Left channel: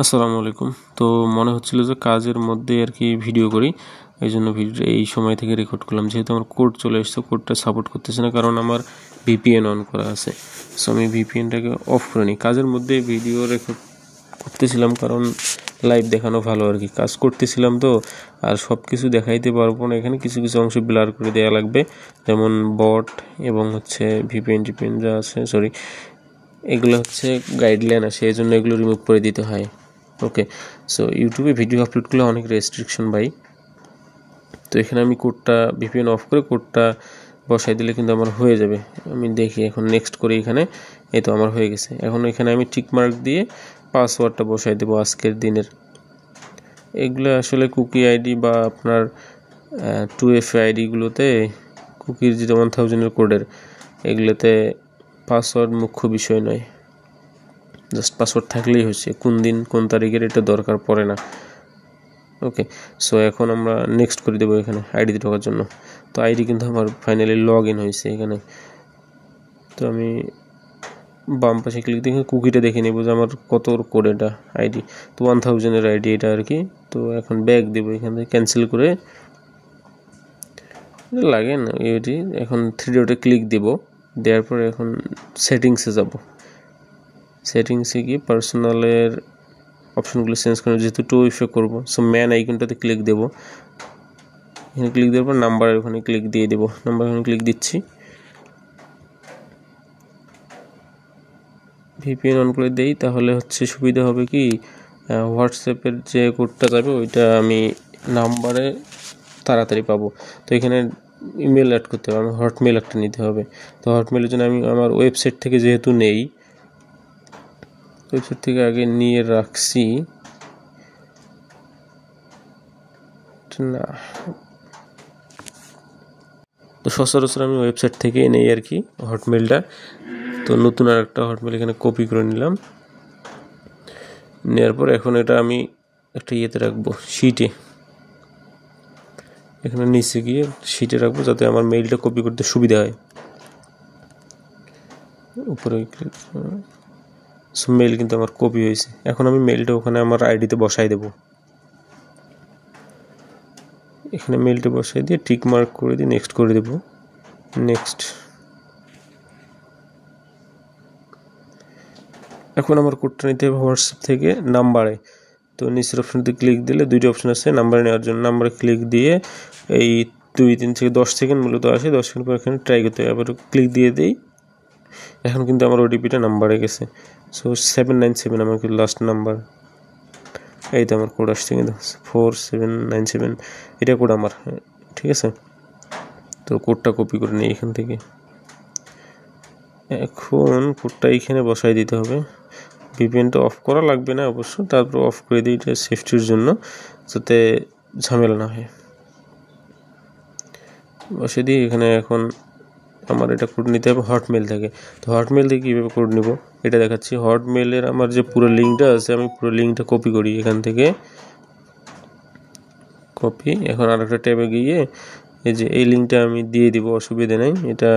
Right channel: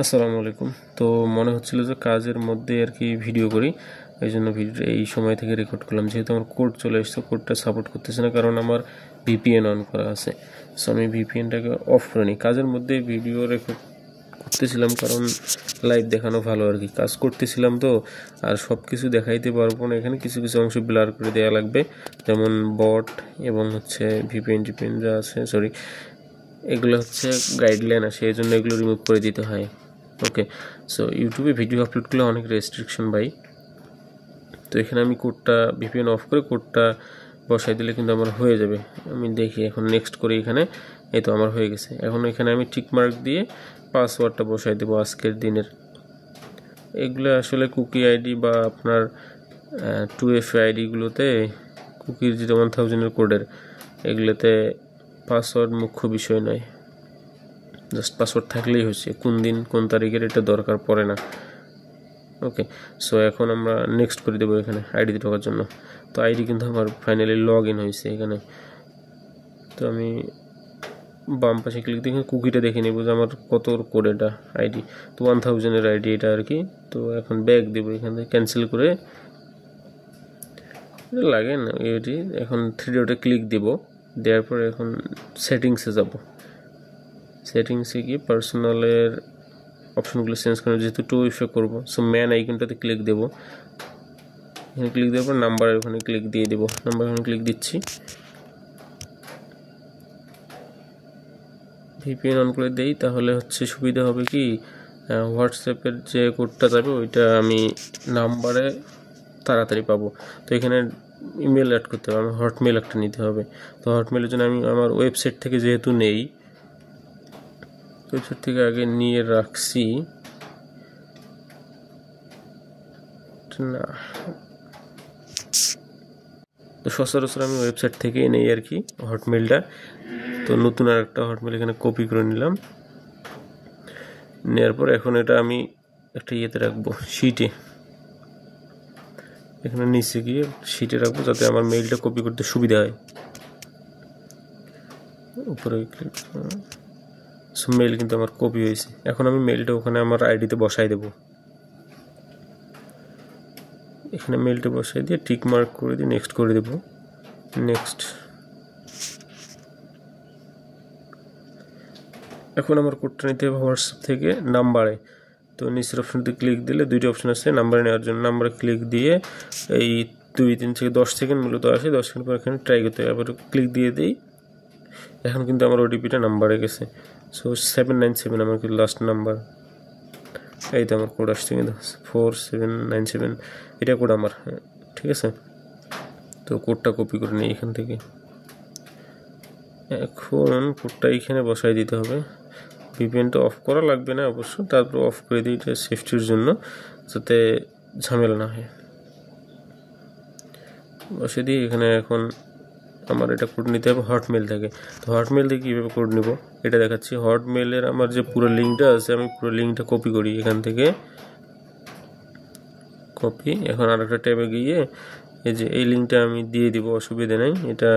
আসসালামু আলাইকুম। তো মনে হচ্ছিল যে কাজের মধ্যে আর কি ভিডিও করি, এই জন্য ভিডিওটা এই সময় থেকে রেকর্ড করলাম। যেহেতু আমার কোড চলে এসেছে, কোডটা সাপোর্ট করতেছে না কারণ আমার ভিপিএন অন করা আছে। সো আমি ভিপিএনটাকে অফ করে নিই। কাজের মধ্যে ভিডিও রেকর্ড করতেছিলাম কারণ লাইভ দেখানো ভালো আর কি। কাজ করতেছিলাম তো, আর সব কিছু দেখাইতে পারবো না। এখানে কিছু কিছু অংশ ব্লার করে দেওয়া লাগবে, যেমন বট এবং হচ্ছে ভিপিএন যা আছে, সরি, এগুলো হচ্ছে গাইডলাইন আছে, এই জন্য এগুলো রিমুভ করে দিতে হয়। ওকে, সো ইউটিউবে ভিডিও আপলোড করলে অনেক রেস্ট্রিকশন ভাই। তো এখানে আমি কোডটা ভিপিএন অফ করে কোডটা বসাই দিলে কিন্তু আমার হয়ে যাবে। আমি দেখি এখন নেক্সট করি। এখানে এই তো আমার হয়ে গেছে। এখন এখানে আমি টিক মার্ক দিয়ে পাসওয়ার্ডটা বসাই দেবো আজকের দিনের। এগুলো আসলে কুকি আইডি বা আপনার 2FA আইডিগুলোতে, কুকির যেটা 1000-এর কোডের, এগুলোতে পাসওয়ার্ড মুখ্য বিষয় নয়। জাস্ট পাসওয়ার্ড থাকলেই হচ্ছে, কোন দিন কোন তারিখের এটা দরকার পড়ে না। ওকে, সো এখন আমরা নেক্সট করে দেবো এখানে আইডিতে ঢোকার জন্য। তো আইডি কিন্তু আমার ফাইনালি লগ ইন হয়েছে এখানে। তো আমি বাম পাশে ক্লিক দিয়ে কুকিটা দেখে নেবো যে আমার কত কোড এটা আইডি। তো 1000-এর আইডি এটা আর কি। তো এখন ব্যাক দেবো, এখান থেকে ক্যান্সেল করে লাগে না এটি। এখন 3 ডটে ক্লিক দেবো, দেওয়ার পরে এখন সেটিংসে যাব। সেটিংসে গিয়ে পার্সোনালের অপশনগুলো চেঞ্জ করে, যেহেতু 2FA করবো, সো ম্যান আইকনটাতে ক্লিক দেবো। এখানে ক্লিক দেওয়ার পর নাম্বারের ওখানে ক্লিক দিয়ে দেবো। নাম্বার ওখানে ক্লিক দিচ্ছি, ভিপিএন অন করে দেই। তাহলে হচ্ছে সুবিধা হবে কি, হোয়াটসঅ্যাপের যে কোডটা যাবে ওইটা আমি নাম্বারে তাড়াতাড়ি পাবো। তো এখানে ইমেল অ্যাড করতে হবে, আমার হটমেল একটা নিতে হবে। তো হটমেলের জন্য আমি আমার ওয়েবসাইট থেকে যেহেতু নেই, ওয়েবসাইট থেকে আগে নিয়ে রাখছি না, তো সচরাচর আমি ওয়েবসাইট থেকেই নেই আর কি হটমেলটা। তো নতুন আর একটা হটমেল এখানে কপি করে নিলাম। নেওয়ার পর এখন এটা আমি একটা ইয়েতে রাখবো, শিটে। এখানে নিচে গিয়ে শিটে রাখবো যাতে আমার মেইলটা কপি করতে সুবিধা হয়। উপরে ক্লিক, মেইল কিন্তু আমার কপি হয়েছে। এখন আমি মেইলটা ওখানে আমার আইডিতে বসাই দেবো। এখানে মেইলটা বসাই দিয়ে টিক মার্ক করে দিয়ে নেক্সট করে দেবো। নেক্সট। এখন আমার কোডটা নিতে হবে হোয়াটসঅ্যাপ থেকে নাম্বারে। তো নিচের অপশনতে ক্লিক দিলে দুইটা অপশন আছে নাম্বারে নেওয়ার জন্য। নাম্বারে ক্লিক দিয়ে এই 2-3 থেকে 10 সেকেন্ড মূলত আসে, 10 সেকেন্ড পর এখানে ট্রাই করতে হবে। আবার ক্লিক দিয়ে দিই, এখন কিন্তু আমার ওটিপিটা নাম্বারে গেছে। সো 797 আমার কিন্তু লাস্ট নাম্বার। এই তো আমার কোড আসছে কিন্তু 4797, এটা কোড আমার। ঠিক আছে, তো কোডটা কপি করে নিই এখান থেকে। এখন কোডটা এইখানে বসাই দিতে হবে। ভিপিএনটা অফ করা লাগবে না অবশ্য, তারপর অফ করে দিই এটা সেফটির জন্য, যাতে ঝামেলা না হয়। বসে দিই এখানে। এখন আমার এটা কোড নিতে হবে হটমেল থেকে। তো হটমেল থেকে কীভাবে কোড নিব এটা দেখাচ্ছি। হটমেলের আমার যে পুরো লিঙ্কটা আছে, আমি পুরো লিঙ্কটা কপি করি এখান থেকে, কপি। এখন আর একটা ট্যাবে গিয়ে এই যে এই লিঙ্কটা আমি দিয়ে দিব, অসুবিধা নেই। এটা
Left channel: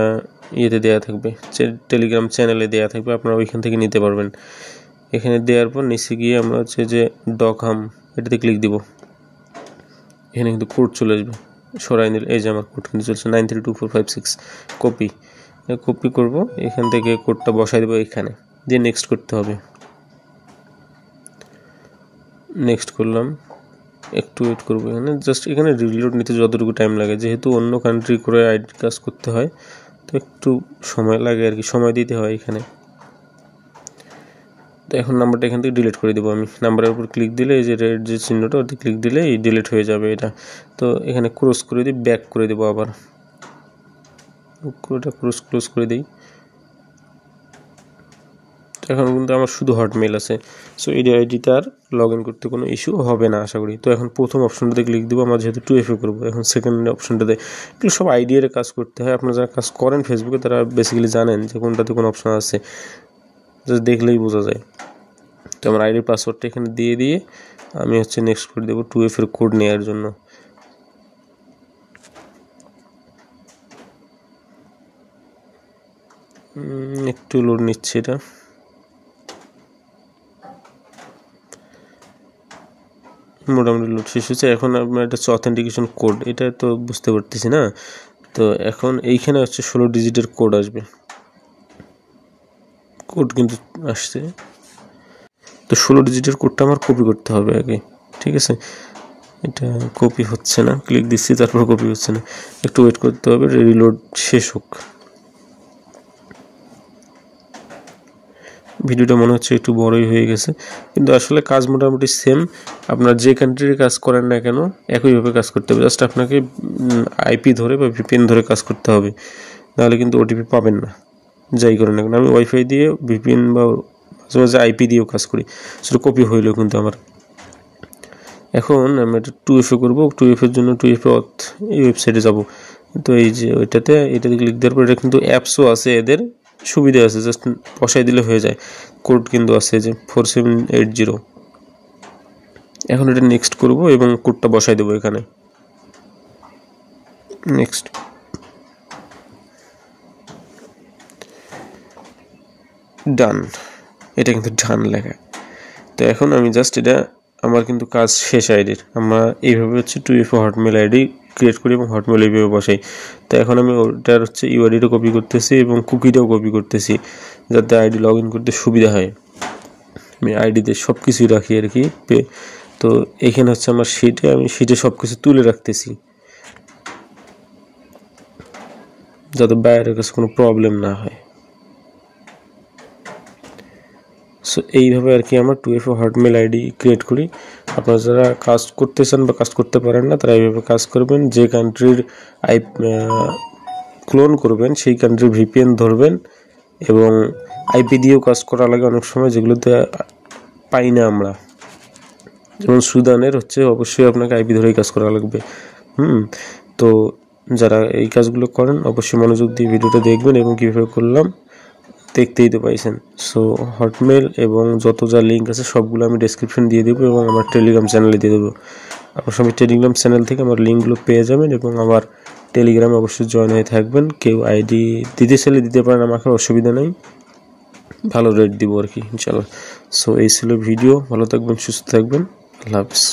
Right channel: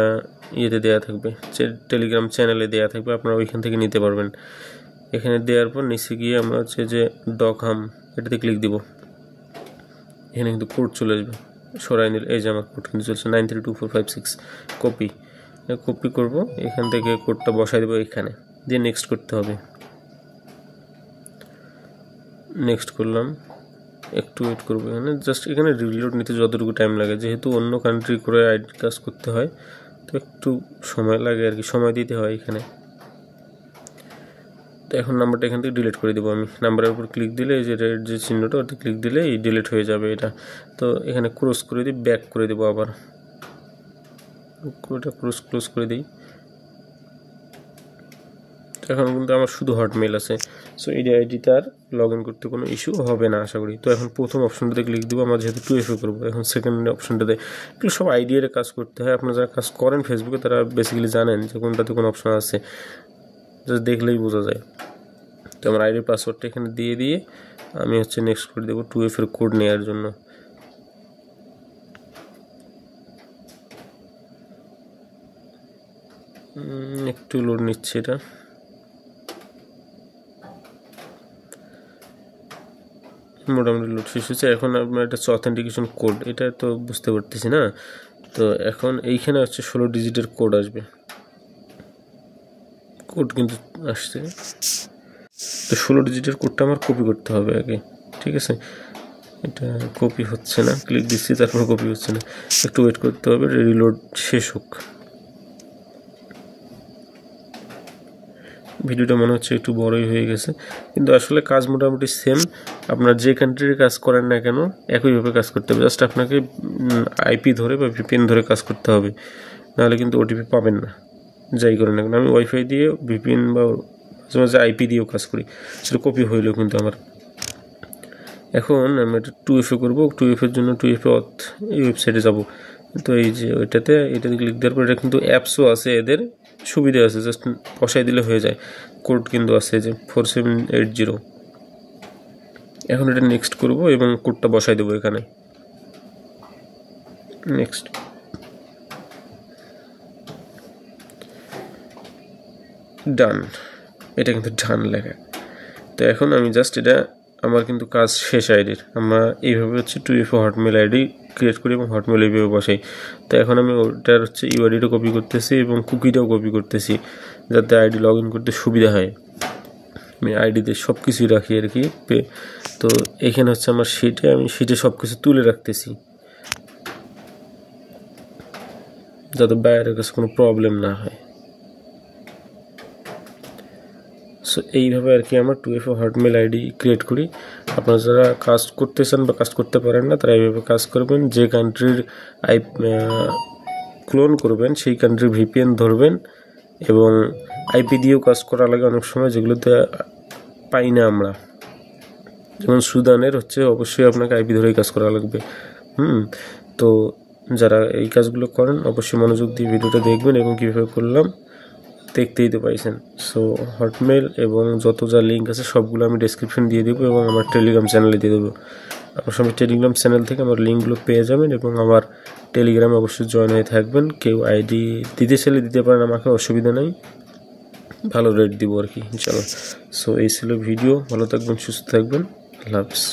ইয়েতে দেওয়া থাকবে, টেলিগ্রাম চ্যানেলে দেওয়া থাকবে, আপনারা ওইখান থেকে নিতে পারবেন। এখানে দেওয়ার পর নিচে গিয়ে আমরা হচ্ছে যে ডকহাম, এটাতে ক্লিক দিব। এখানে কিন্তু কোড চলে আসবে, সরাই নিলে এই যে আমার কোড কিন্তু চলছে 932456। কপি কপি করব, এখান থেকে কোডটা বসাই দেবো এখানে, দিয়ে নেক্সট করতে হবে। নেক্সট করলাম, একটু ওয়েট করবো এখানে। জাস্ট এখানে রিলোড নিতে যতটুকু টাইম লাগে, যেহেতু অন্য কান্ট্রি করে আইডি কাজ করতে হয়, তো একটু সময় লাগে আর কি, সময় দিতে হয় এখানে। তো এখন নাম্বারটা এখান থেকে ডিলিট করে দেবো আমি। নাম্বারের উপর ক্লিক দিলে এই যে রেড যে চিহ্নটা, ওতে ক্লিক দিলে এই ডিলিট হয়ে যাবে এটা। তো এখানে ক্রস করে দিই, ব্যাক করে দেবো আবার। ওটা ক্লোজ করে দিই। তো এখন কিন্তু আমার শুধু হটমেল আছে, সো এই আইডিতে আর লগ ইন করতে কোনো ইস্যু হবে না আশা করি। তো এখন প্রথম অপশনটাতে ক্লিক দেবো, আমার যেহেতু 2FA করবো। এখন সেকেন্ড অপশনটাতে, এগুলো সব আইডিয়ার কাজ করতে হয়। আপনারা যারা কাজ করেন ফেসবুকে তারা বেসিক্যালি জানেন যে কোনটাতে কোন অপশন আছে, জাস্ট দেখলেই বোঝা যায়। তো আমার আইডির পাসওয়ার্ডটা এখানে দিয়ে আমি হচ্ছে নেক্সট করে দেবো 2FA কোড নেওয়ার জন্য। একটু লোড নিচ্ছে এটা। মোটামুটি লোড শেষ হচ্ছে। এখন আপনার এটা হচ্ছে অথেন্টিকেশন কোড, এটা তো বুঝতে পারতেছি না। তো এখন এইখানে হচ্ছে 16 ডিজিটের কোড আসবে, কোড কিন্তু আসছে। তো 16 ডিজিটের কোডটা আমার কপি করতে হবে আগে, ঠিক আছে। এটা কপি হচ্ছে না, ক্লিক দিচ্ছি তারপর কপি হচ্ছে না, একটু ওয়েট করতে হবে, রিলোড শেষ হোক। ভিডিওটা মনে হচ্ছে একটু বড়ই হয়ে গেছে, কিন্তু আসলে কাজ মোটামুটি সেম। আপনার যে কান্ট্রির কাজ করেন না কেন একইভাবে কাজ করতে হবে, জাস্ট আপনাকে আইপি ধরে বা ভিপিএন ধরে কাজ করতে হবে, নাহলে কিন্তু ওটিপি পাবেন না যাই করেন না কেন। আমি ওয়াইফাই দিয়ে ভিপিএন বা মাঝে মাঝে আইপি দিয়েও কাজ করি, সেটা কপি হইলেও কিন্তু আমার। এখন আমি এটা 2FA করবো, 2FA জন্য 2FA এই ওয়েবসাইটে যাব। তো এই যে এটাতে ক্লিক দেওয়ার পর এটা কিন্তু অ্যাপসও আছে, এদের সুবিধা আছে, জাস্ট বসাই দিলে হয়ে যায়। কোড কিন্তু আছে যে 4780। এখন এটা নেক্সট করব এবং কোডটা বসাই দেবো এখানে, নেক্সট। ডান, এটা কিন্তু ডান লেখা। তো এখন আমি জাস্ট এটা, আমার কিন্তু কাজ শেষ আইডির। আমরা এইভাবে হচ্ছে 2FA হটমেল আইডি ক্রিয়েট করি এবং হটমেল এইভাবে বসাই। তো এখন আমি ওটার হচ্ছে ইউআইডিটা কপি করতেছি এবং কুকিটাও কপি করতেছি, যাতে আইডি লগ ইন করতে সুবিধা হয়। আমি আইডিতে সব কিছুই রাখি আর কি। তো এখানে হচ্ছে আমার শিটে, আমি শিটে সব কিছু তুলে রাখতেছি যাতে বাইরের কাছে কোনো প্রবলেম না হয়। সো এইভাবে আর কি আমরা 2FA হটমেল আইডি ক্রিয়েট করি। আপনারা যারা কাজ করতে চান বা কাজ করতে পারেন না তারা এইভাবে কাজ করবেন। যে কান্ট্রির ক্লোন করবেন সেই কান্ট্রির ভিপিএন ধরবেন, এবং আইপি দিয়েও কাজ করা লাগে অনেক সময়, যেগুলোতে পাই না আমরা। যেমন সুদানের হচ্ছে অবশ্যই আপনাকে আইপি ধরেই কাজ করা লাগবে। তো যারা এই কাজগুলো করেন অবশ্যই মনোযোগ দিয়ে ভিডিওটা দেখবেন এবং কীভাবে করলাম দেখতেই তো পাইছেন। সো হটমেল এবং যত যা লিঙ্ক আছে সবগুলো আমি ডেসক্রিপশন দিয়ে দেবো এবং আমার টেলিগ্রাম চ্যানেলে দিয়ে দেবো। আপনার সবাই টেলিগ্রাম চ্যানেল থেকে আমার লিঙ্কগুলো পেয়ে যাবেন এবং আমার টেলিগ্রামে অবশ্যই জয়েন হয়ে থাকবেন। কেউ আইডি দিতে চাইলে দিতে পারেন, আমাকে অসুবিধা নেই, ভালো রেট দিব আর কি ইনশাল্লাহ। সো এই ছিল ভিডিও, ভালো থাকবেন, সুস্থ থাকবেন, আল্লাহ হাফেজ।